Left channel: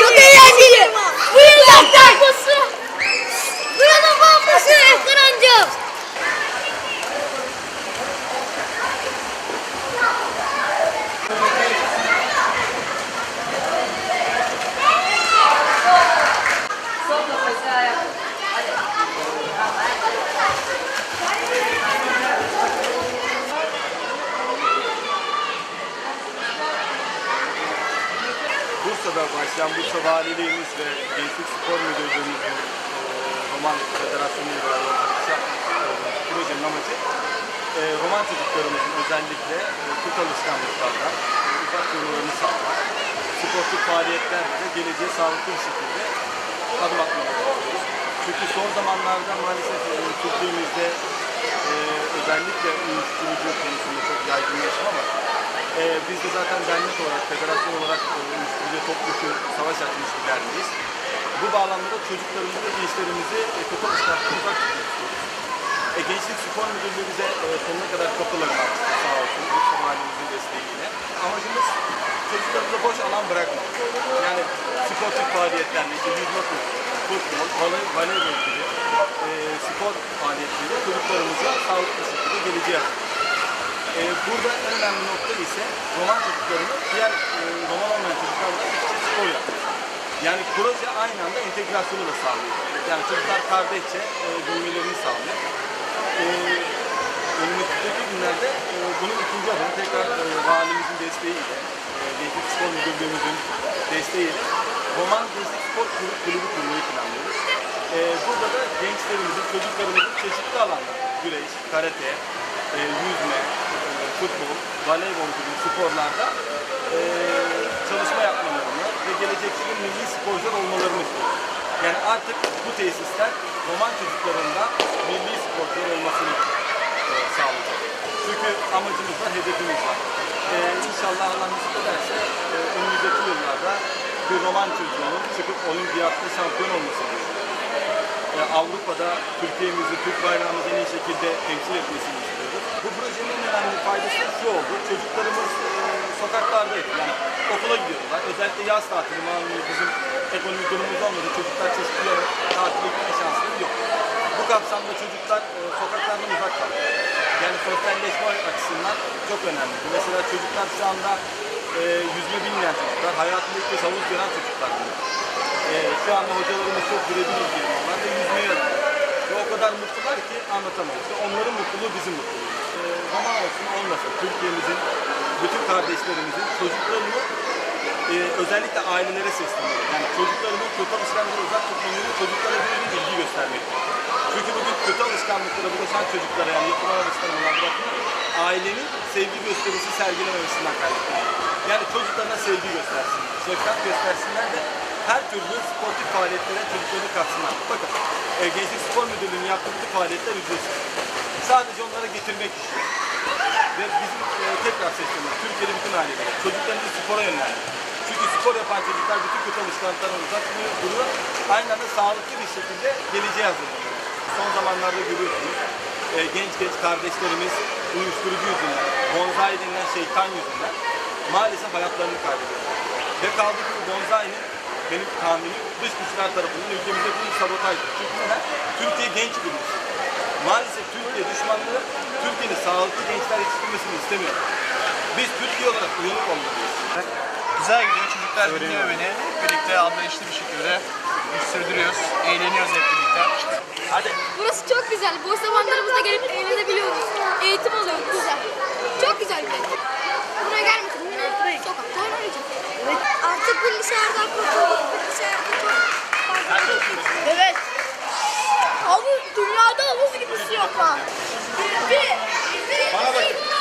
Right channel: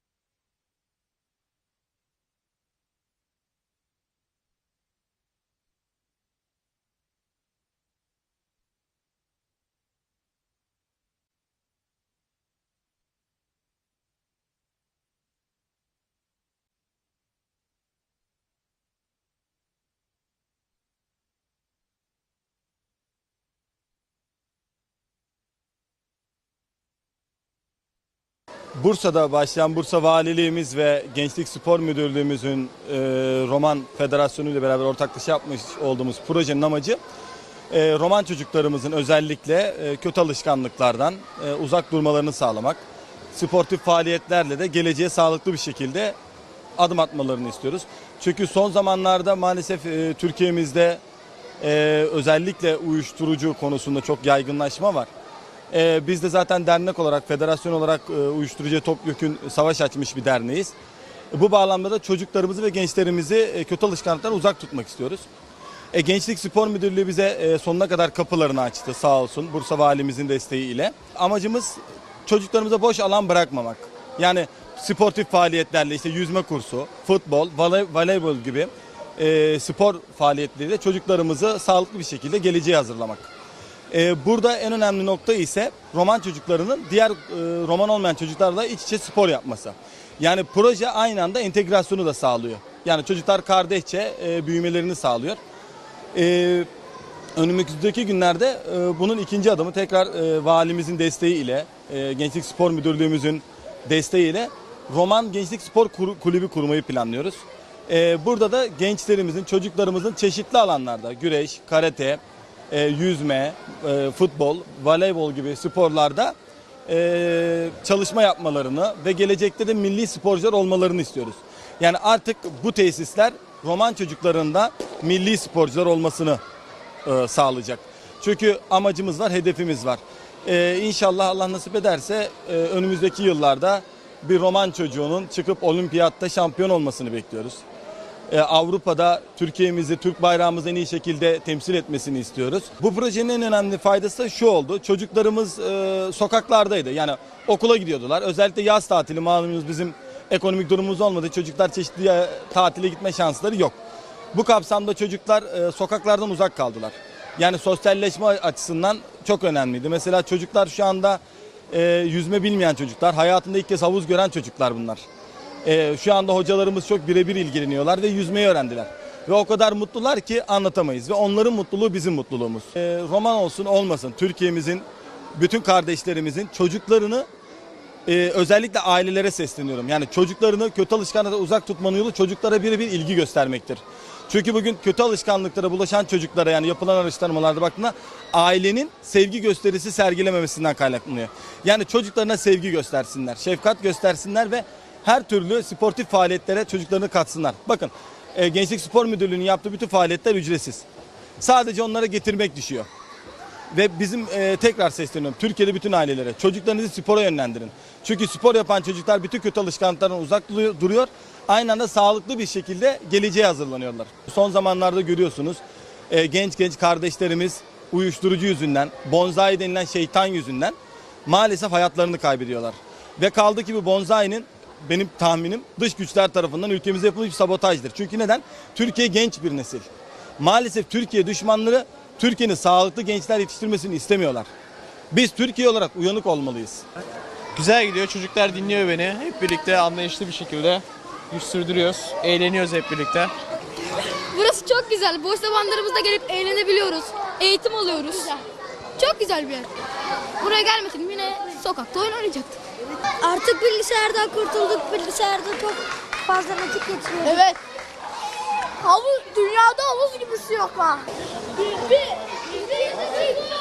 Çok eğlenceli. Bu yüzden bombası. Buranın bombası Efkan amcam. Bursa'da başlayan Bursa Valiliğimiz ve Gençlik Spor Müdürlüğümüzün e, Roman Federasyonu ile beraber ortaklaşa yapmış olduğumuz projenin amacı e, Roman çocuklarımızın özellikle e, kötü alışkanlıklardan e, uzak durmalarını sağlamak. Sportif faaliyetlerle de geleceğe sağlıklı bir şekilde adım atmalarını istiyoruz. Çünkü son zamanlarda maalesef e, Türkiye'mizde e, özellikle uyuşturucu konusunda çok yaygınlaşma var. E, biz de zaten dernek olarak, federasyon olarak e, uyuşturucuya topyekun savaş açmış bir derneğiz. Bu bağlamda da çocuklarımızı ve gençlerimizi e, kötü alışkanlıklardan uzak tutmak istiyoruz. E, Gençlik Spor Müdürlüğü bize e, sonuna kadar kapılarını açtı sağ olsun Bursa Valimizin desteğiyle. Amacımız çocuklarımıza boş alan bırakmamak. Yani sportif faaliyetlerle işte yüzme kursu, futbol, voley- voleybol gibi e, spor faaliyetleriyle çocuklarımızı sağlıklı bir şekilde geleceğe hazırlamak. E, burada en önemli nokta ise roman çocuklarının diğer e, roman olmayan çocuklarla iç içe spor yapması. Yani proje aynı anda entegrasyonu da sağlıyor. Yani çocuklar kardeşçe e, büyümelerini sağlıyor. E, önümüzdeki günlerde e, bunun ikinci adımı tekrar e, valimizin desteğiyle, e, Gençlik Spor Müdürlüğümüzün desteğiyle Roman Gençlik Spor Kulübü kurmayı planlıyoruz. E, burada da gençlerimizin, çocuklarımızın çeşitli alanlarda güreş, karate, e, yüzme, e, futbol, voleybol gibi sporlarda e, çalışma yapmalarını ve gelecekte de milli sporcular olmalarını istiyoruz. Yani artık bu tesisler roman çocuklarında milli sporcular olmasını e, sağlayacak. Çünkü amacımız var, hedefimiz var. E, inşallah Allah nasip ederse e, önümüzdeki yıllarda bir roman çocuğunun çıkıp olimpiyatta şampiyon olmasını bekliyoruz. E, Avrupa'da Türkiye'mizi, Türk bayrağımızı en iyi şekilde temsil etmesini istiyoruz. Bu projenin en önemli faydası da şu oldu. Çocuklarımız e, sokaklardaydı. Yani okula gidiyordular. Özellikle yaz tatili malumunuz bizim ekonomik durumumuz olmadı. Çocuklar çeşitli tatile gitme şansları yok. Bu kapsamda çocuklar e, sokaklardan uzak kaldılar. Yani sosyalleşme açısından çok önemliydi. Mesela çocuklar şu anda e, yüzme bilmeyen çocuklar, hayatında ilk kez havuz gören çocuklar bunlar. Ee, şu anda hocalarımız çok birebir ilgileniyorlar ve yüzmeyi öğrendiler. Ve o kadar mutlular ki anlatamayız. Ve onların mutluluğu bizim mutluluğumuz. Ee, roman olsun olmasın Türkiye'mizin, bütün kardeşlerimizin çocuklarını e, özellikle ailelere sesleniyorum. Yani çocuklarını kötü alışkanlıklara uzak tutmanın yolu çocuklara birebir ilgi göstermektir. Çünkü bugün kötü alışkanlıklara bulaşan çocuklara yani yapılan alıştırmalarda bakımına ailenin sevgi gösterisi sergilememesinden kaynaklanıyor. Yani çocuklarına sevgi göstersinler, şefkat göstersinler ve her türlü sportif faaliyetlere çocuklarını katsınlar. Bakın e, Gençlik Spor Müdürlüğü'nün yaptığı bütün faaliyetler ücretsiz. Sadece onlara getirmek düşüyor. Ve bizim e, tekrar sesleniyorum Türkiye'de bütün ailelere çocuklarınızı spora yönlendirin. Çünkü spor yapan çocuklar bütün kötü alışkanlıklardan uzak du- duruyor. Aynı anda sağlıklı bir şekilde geleceğe hazırlanıyorlar. Son zamanlarda görüyorsunuz e, genç genç kardeşlerimiz uyuşturucu yüzünden, bonzai denilen şeytan yüzünden maalesef hayatlarını kaybediyorlar. Ve kaldı ki bu bonzai'nin benim tahminim dış güçler tarafından ülkemize yapılmış sabotajdır. Çünkü neden? Türkiye genç bir nesil. Maalesef Türkiye düşmanları Türkiye'nin sağlıklı gençler yetiştirmesini istemiyorlar. Biz Türkiye olarak uyanık olmalıyız. Güzel gidiyor. Çocuklar dinliyor beni. Hep birlikte anlayışlı bir şekilde sürdürüyoruz. Eğleniyoruz hep birlikte. Burası çok güzel. Boş zamanlarımızda gelip eğlenebiliyoruz. Eğitim alıyoruz. Çok güzel bir yer. Buraya gelmedim yine sokakta oynamayacak. Artık bilgisayardan kurtulduk. Bilgisayarda çok fazla vakit geçiriyoruz. Evet. Havuz, dünyada havuz gibi su yok ha. Bir, bir, bir, bir,